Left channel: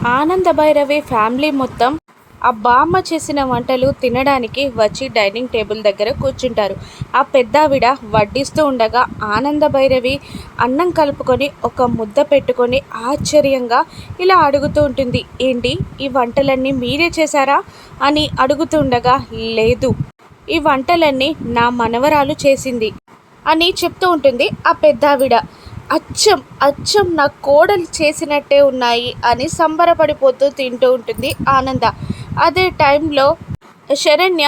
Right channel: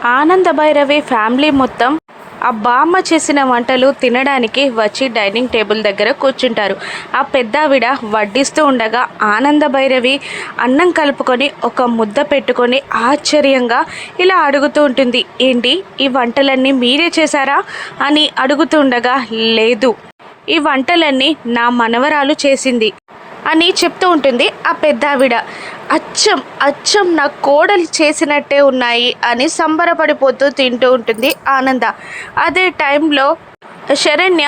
ఆనంద భైరవి ఫ్యామిలీ మొత్తం ఆ బామ్మ చేసిన వంటలు తినడానికి వచ్చి డైనింగ్ టేబుల్ దగ్గర కూర్చుంటారు. ఆ పెద్దావిడ వడ్డిస్తూ ఉండగా ఆనంద భైరవి అన్నం కలుపుకొని ఒక ముద్ద పెట్టుకొని ఆశ్చర్యంగా ఇలా అడుగుతూ ఉంటుంది ఏంటి ఈ వంటలన్నీ మీరే చేశారా? అని అడుగుతూ ఉండగా లేదు ఈ వంటలన్నీ నా మనవరాలు చేసింది అని చెప్తూ ఉంటుంది ఆ పెద్దావిడ. అచ్చం అచ్చం నా కోడలు చేసినట్టే ఉన్నాయి అని సంబరపడిపోతూ తింటూ ఉంటుంది ఆనంద. అదే టైంలో శరణ్య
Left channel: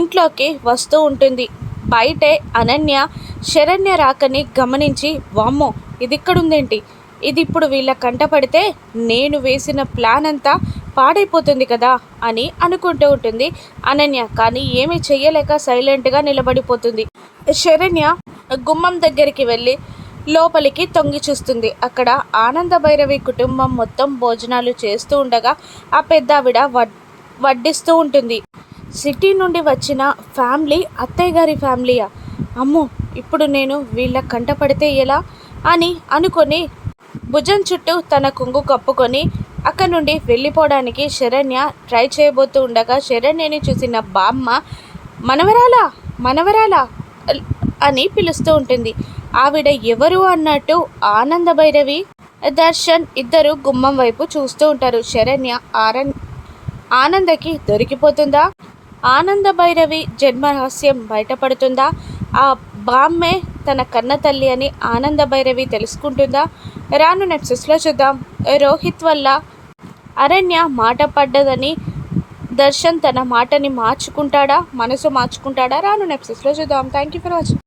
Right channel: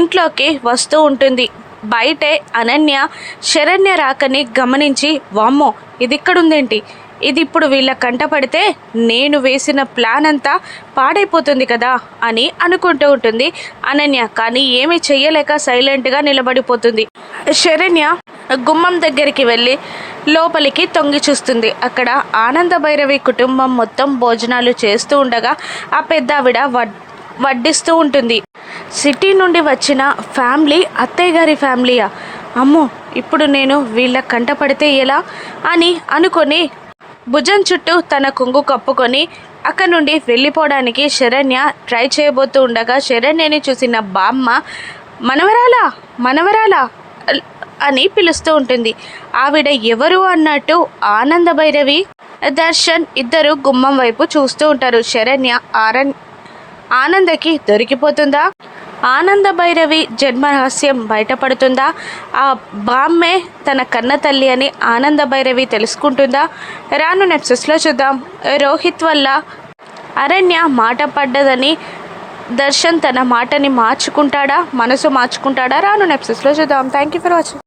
ఇంట్లోకి వస్తూ ఉంటుంది. బయటే అనన్య శరణ్య రాకని గమనించి వామ్మో ఇది ఇక్కడుందేంటి ఇది ఇప్పుడు వీళ్ళ కంటపడితే నేను వేసిన ప్లాన్ అంతా పాడైపోతుంది కదా అని అనుకుంటూ ఉంటుంది అనన్య. కానీ ఏమీ చెయ్యలేక సైలెంట్గా నిలబడిపోతుంది. శరణ్య గుమ్మం దగ్గరికి వెళ్ళి లోపలికి తొంగి చూస్తుంది. అక్కడ ఆనంద భైరవి కుటుంబం మొత్తం భోజనాలు చేస్తూ ఉండగా ఆ పెద్దావిడ వడ్ వడ్డిస్తూ ఉంటుంది. సిటీ నుండి వచ్చిన ఫ్యామిలీ అత్తయ్య గారి ఫ్యామిలీయా? అమ్మో ఇప్పుడు నేను వీళ్ళ కంట పడితే ఎలా? అని అనుకొని భుజం చుట్టూ తన కొంగు కప్పుకొని అక్కడి నుండి వెళ్ళిపోవడానికి శరణ్య ట్రై చేయబోతూ ఉండగా శరణ్యని చూసిన బామ్మ మనవరాలా? మనవరాలా? అని పిలుస్తూ ఉంటుంది. ఆవిడ ఎవరు అన్నట్టు ఆనంద భైరవి దర్శన్ ఇద్దరు గుమ్మం వైపు చూస్తూ ఉంటారు. శరణ్య ఆరణ్ ఆనందకి దొరికిపోతుందా? ఆనంద భైరవి జన్మరహస్యం బయటపడుతుందా? ఆ బామ్మే తన కన్న తల్లి అని ఆనంద భైరవి తెలుసుకుంటుందా? రాను నెప్సెస్లో చూద్దాం. రోహిత్ వల్ల అరణ్య మాట పడ్డదని దర్శన్ తన మాటని మార్చుకుంటాడా? మనసు మార్చుకుంటాడా? రాను నెప్సెస్లో చూద్దాం. Thank you for watching